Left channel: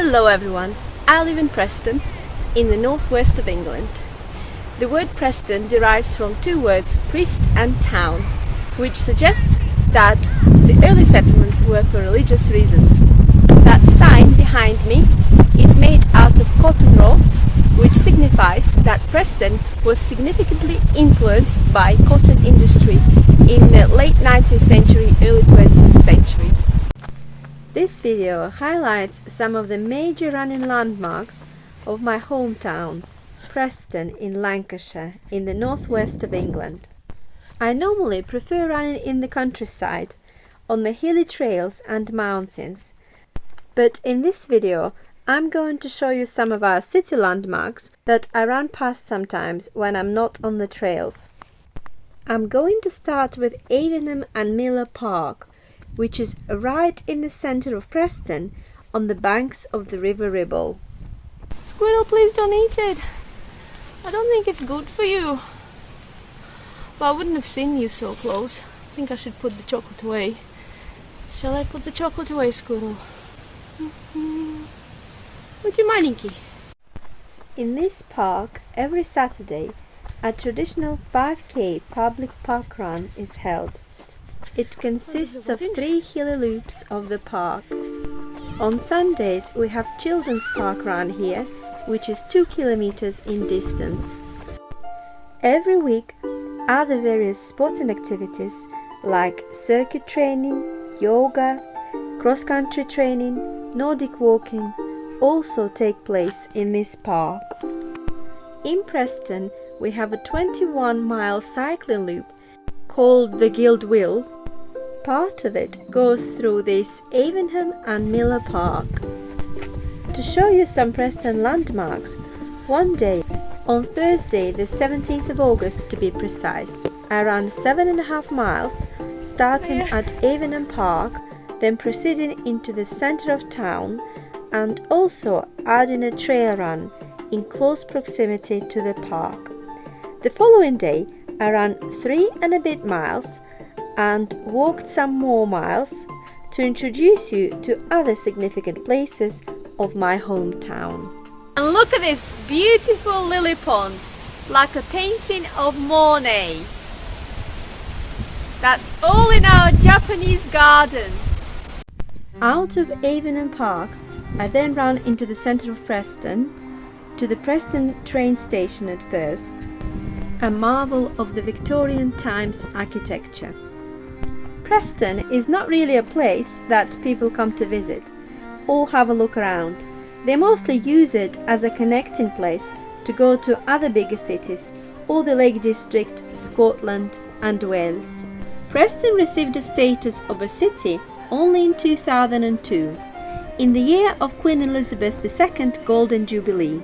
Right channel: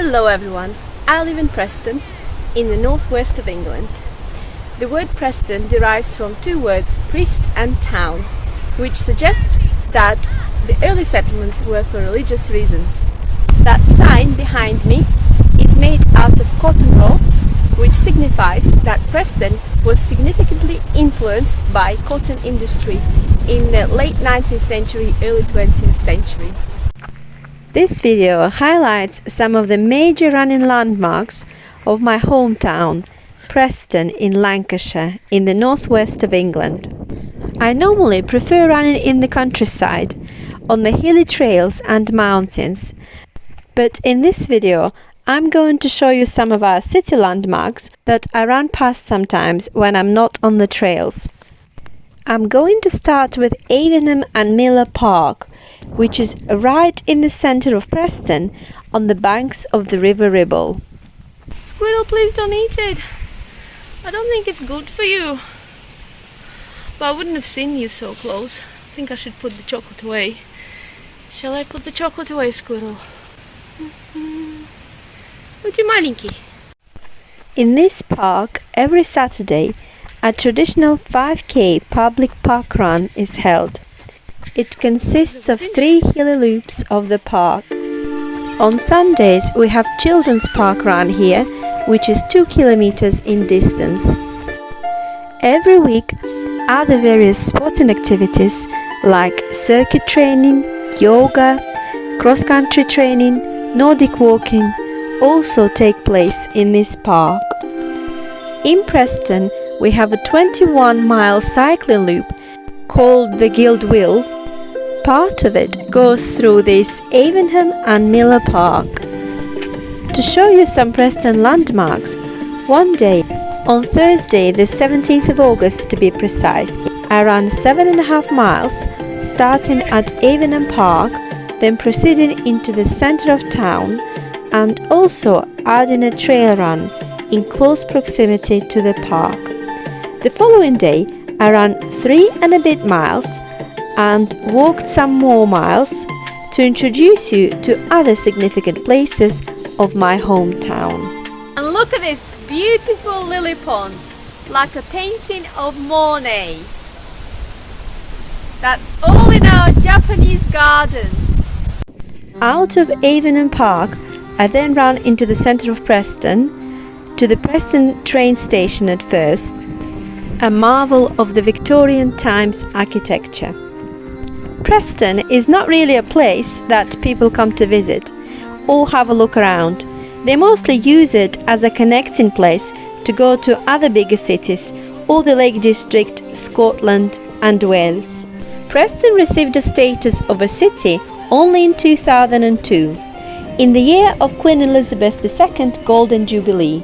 Hello everyone, I live in Preston, in the northwest of England. The word Preston derives from two words, priest and town, which suggests that the early settlements were for religious reasons. That sign behind me is made out of cotton ropes, which signifies that Preston was significantly influenced by cotton industry in the late 19th century, early 20th century. This video highlights some of the major running landmarks of my hometown, Preston in Lancashire, in the northwest of England. I normally prefer running in the countryside, on the hilly trails and mountains, but in this video I'm going to show you some of our city landmarks that I run past sometimes when I'm not on the trails. I'm going to start with Avenham and Miller Park, which is right in the centre of Preston on the banks of the River Ribble. Squirrel, please don't eat it. I don't think it's good for you. But I wouldn't have seen you so close. I think I should put the chocolate away. Shall I put the chocolate away, Squirrel? Would you маленький? In this park, every Saturday, a traditional 5k public park run is held. It consists of 3 hilly loops of the park. On Sundays we have children's park run here, which is 2 kilometers in distance. Every week other various sporting activities like circuit training, yoga, cross-country training, Nordic walking also take place in this park. In Preston we have a 21-mile cycling loop called the Guild Wheel. Part of it goes through this Avenham and Miller Park. To show you some Preston landmarks, one day, on Thursday the 17th of August to be precise, I ran 7.5 miles, starting at Avenham Park, then proceeding into the centre of town, and also adding a trail run in close proximity to the park. The following day I ran 3 and a bit miles and walked some more miles to introduce you to other significant places of my hometown. And look at this beautiful lily pond, like a painting of Monet. That's all in our Japanese garden. Out of Avenham Park, I then ran into the centre of Preston, to the Preston train station at first, a marvel of the Victorian times architecture. Preston is not really a place that people come to visit or have a look around. They mostly use it as a connecting place to go to other bigger cities or the Lake District, Scotland and Wales. Preston received the status of a city only in 2002, in the year of Queen Elizabeth II's Golden Jubilee.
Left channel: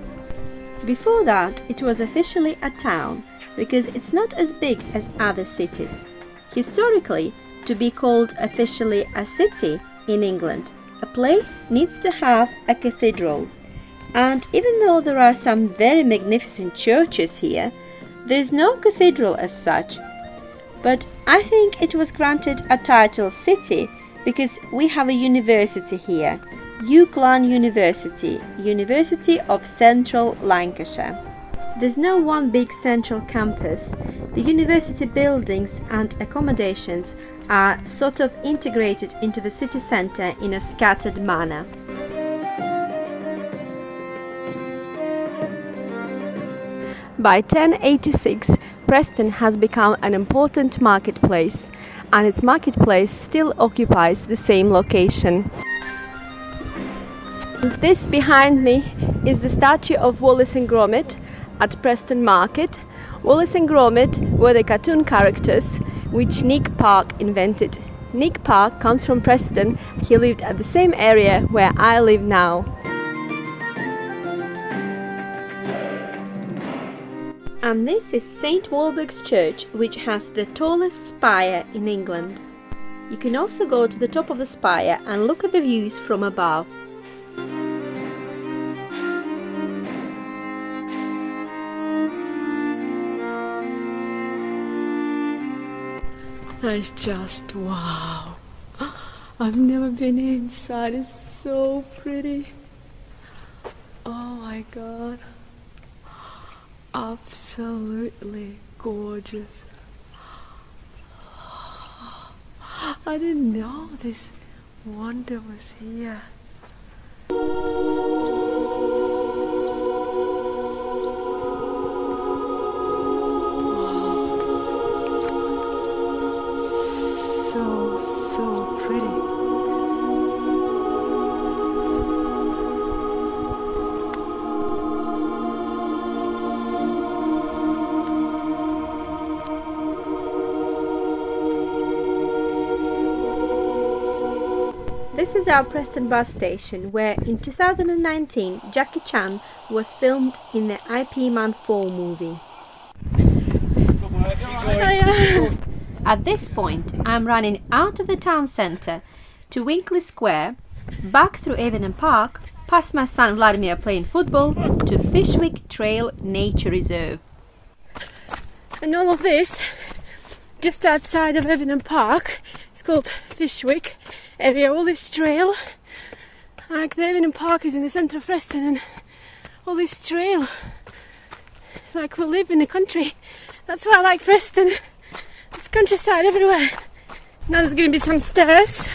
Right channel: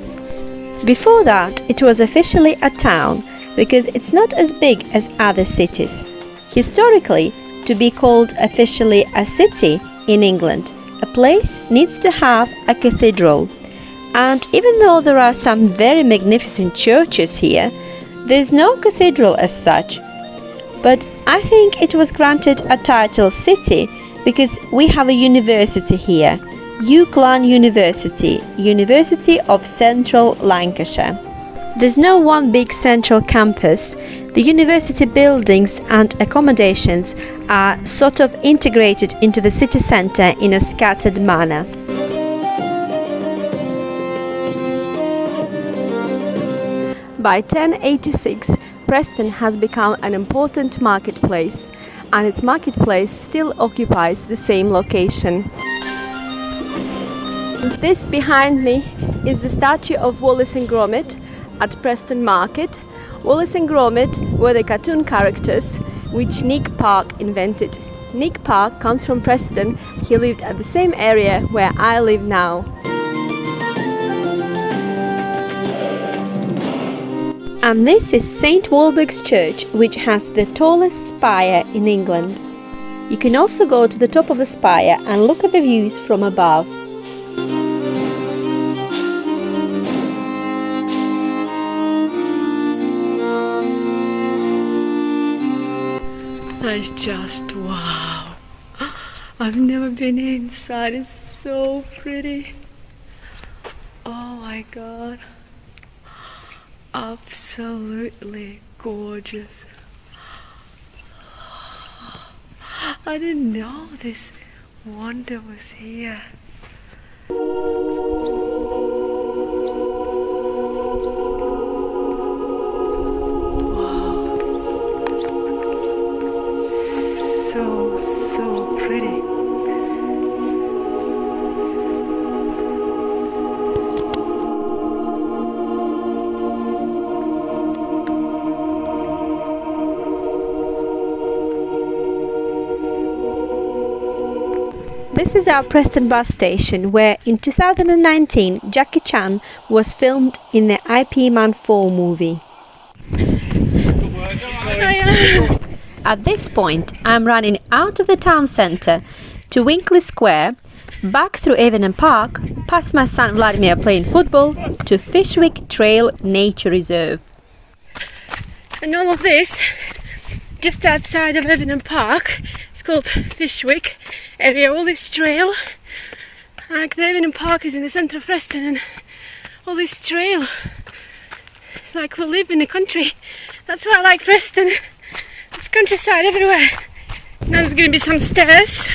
Before that, it was officially a town because it's not as big as other cities. Historically, to be called officially a city in England, a place needs to have a cathedral. And even though there are some very magnificent churches here, there's no cathedral as such. But I think it was granted a title city because we have a university here, UCLan University, University of Central Lancashire. There's no one big central campus. The university buildings and accommodations are sort of integrated into the city centre in a scattered manner. By 1086, Preston has become an important marketplace, and its marketplace still occupies the same location. This behind me is the statue of Wallace and Gromit at Preston Market. Wallace and Gromit were the cartoon characters which Nick Park invented. Nick Park comes from Preston. He lived at the same area where I live now. And this is St. Walburg's Church, which has the tallest spire in England. You can also go to the top of the spire and look at the views from above. That's just wow. I've never been inside. It's so pretty. my god, absolutely gorgeous. I didn't know this wonder was here. Wow, so pretty. This is our Preston bus station where in 2019 Jackie Chan was filmed in the IP Man 4 movie. At this point I'm running out of the town centre to Winkley Square, back through Avon Park, past my son Vladimir playing football, to Fishwick Trail Nature Reserve. And all of this just outside of Avon Park. It's called Fishwick area. All this trail, like the Avon Park is in the centre of Preston, and all this trail, it's like we live in the country. That's why I like Preston. There's countryside everywhere. Now there's going to be some stairs,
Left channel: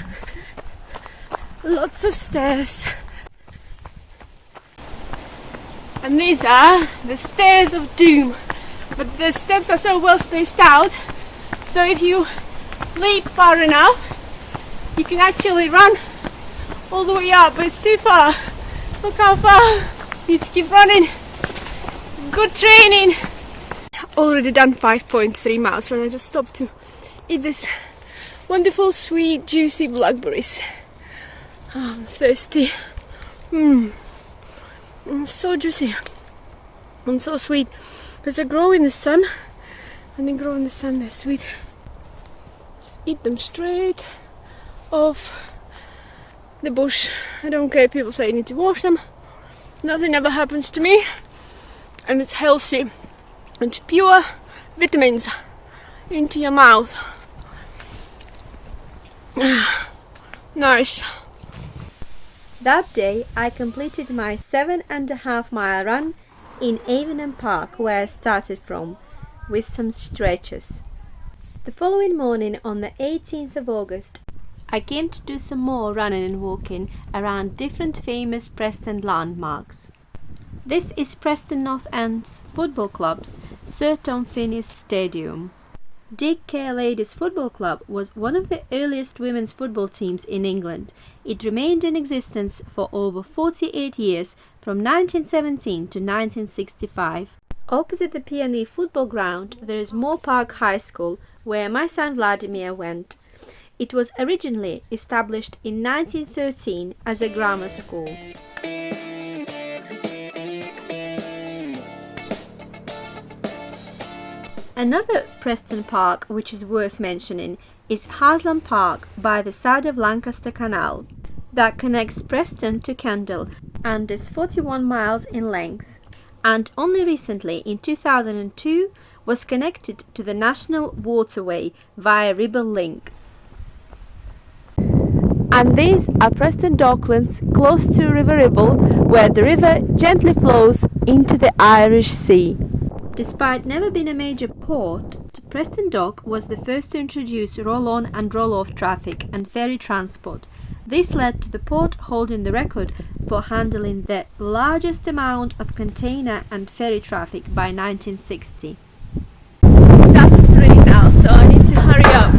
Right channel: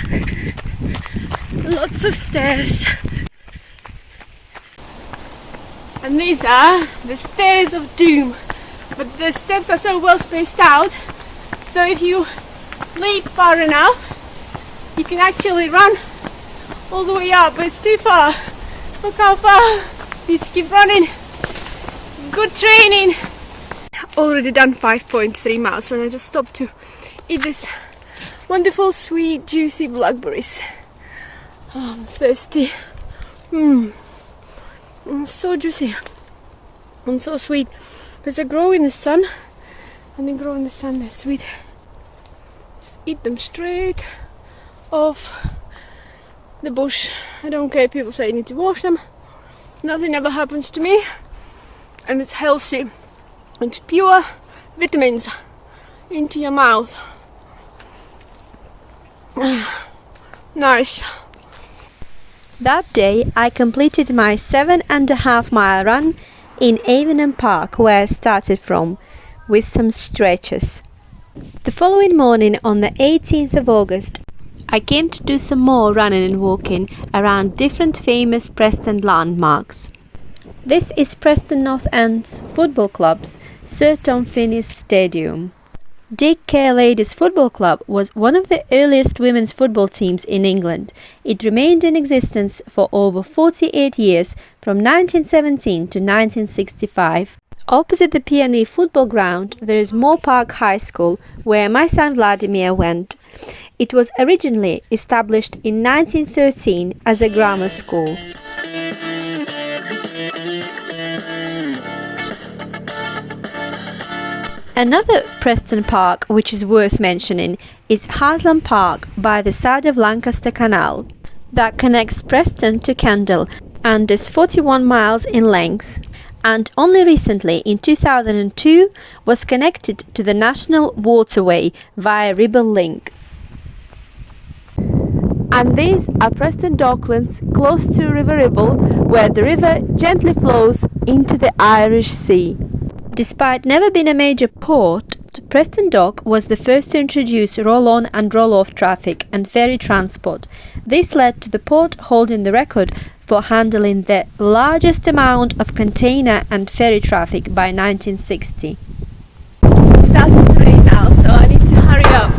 lots of stairs, and these are the stairs of doom, but the steps are so well spaced out, so if you leap far enough you can actually run all the way up, but it's too far. Look how far. You need to keep running. Good training. Already done 5.3 miles and I just stopped to eat this wonderful sweet juicy blackberries. Oh, I'm thirsty. So juicy and so sweet because they grow in the sun, and they grow in the sun, they're sweet. Just eat them straight off the bush. I don't care if people say you need to wash them. Nothing ever happens to me, and it's healthy. It's pure vitamins into your mouth. Nice. That day I completed my 7.5 mile run in Avon Park where I started from, with some stretches. The following morning, on the 18th of August, I came to do some more running and walking around different famous Preston landmarks. This is Preston North End's football club's Sir Tom Finney's Stadium. Dick Care Ladies Football Club was one of the earliest women's football teams in England. It remained in existence for over 48 years, from 1917 to 1965. Opposite the P&E football ground, there is Moore Park High School, where my son Vladimir went. It was originally established in 1913 as a grammar school. Another Preston park which is worth mentioning is Haslam Park by the side of Lancaster Canal, that connects Preston to Kendal and is 41 miles in length, and only recently in 2002 was connected to the National Waterway via Ribble Link. And these are Preston Docklands close to River Ribble, where the river gently flows into the Irish Sea. Despite never being a major port, Preston Dock was the first to introduce roll-on and roll-off traffic and ferry transport. This led to the port holding the record for handling the largest amount of container and ferry traffic by 1960. It's starting to rain now, so I need to hurry up.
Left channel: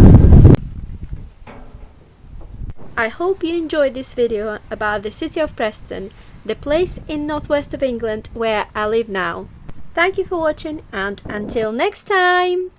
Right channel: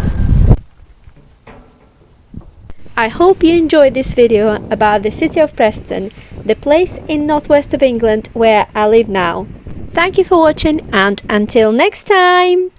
I hope you enjoyed this video about the city of Preston, the place in northwest of England where I live now. Thank you for watching, and until next time!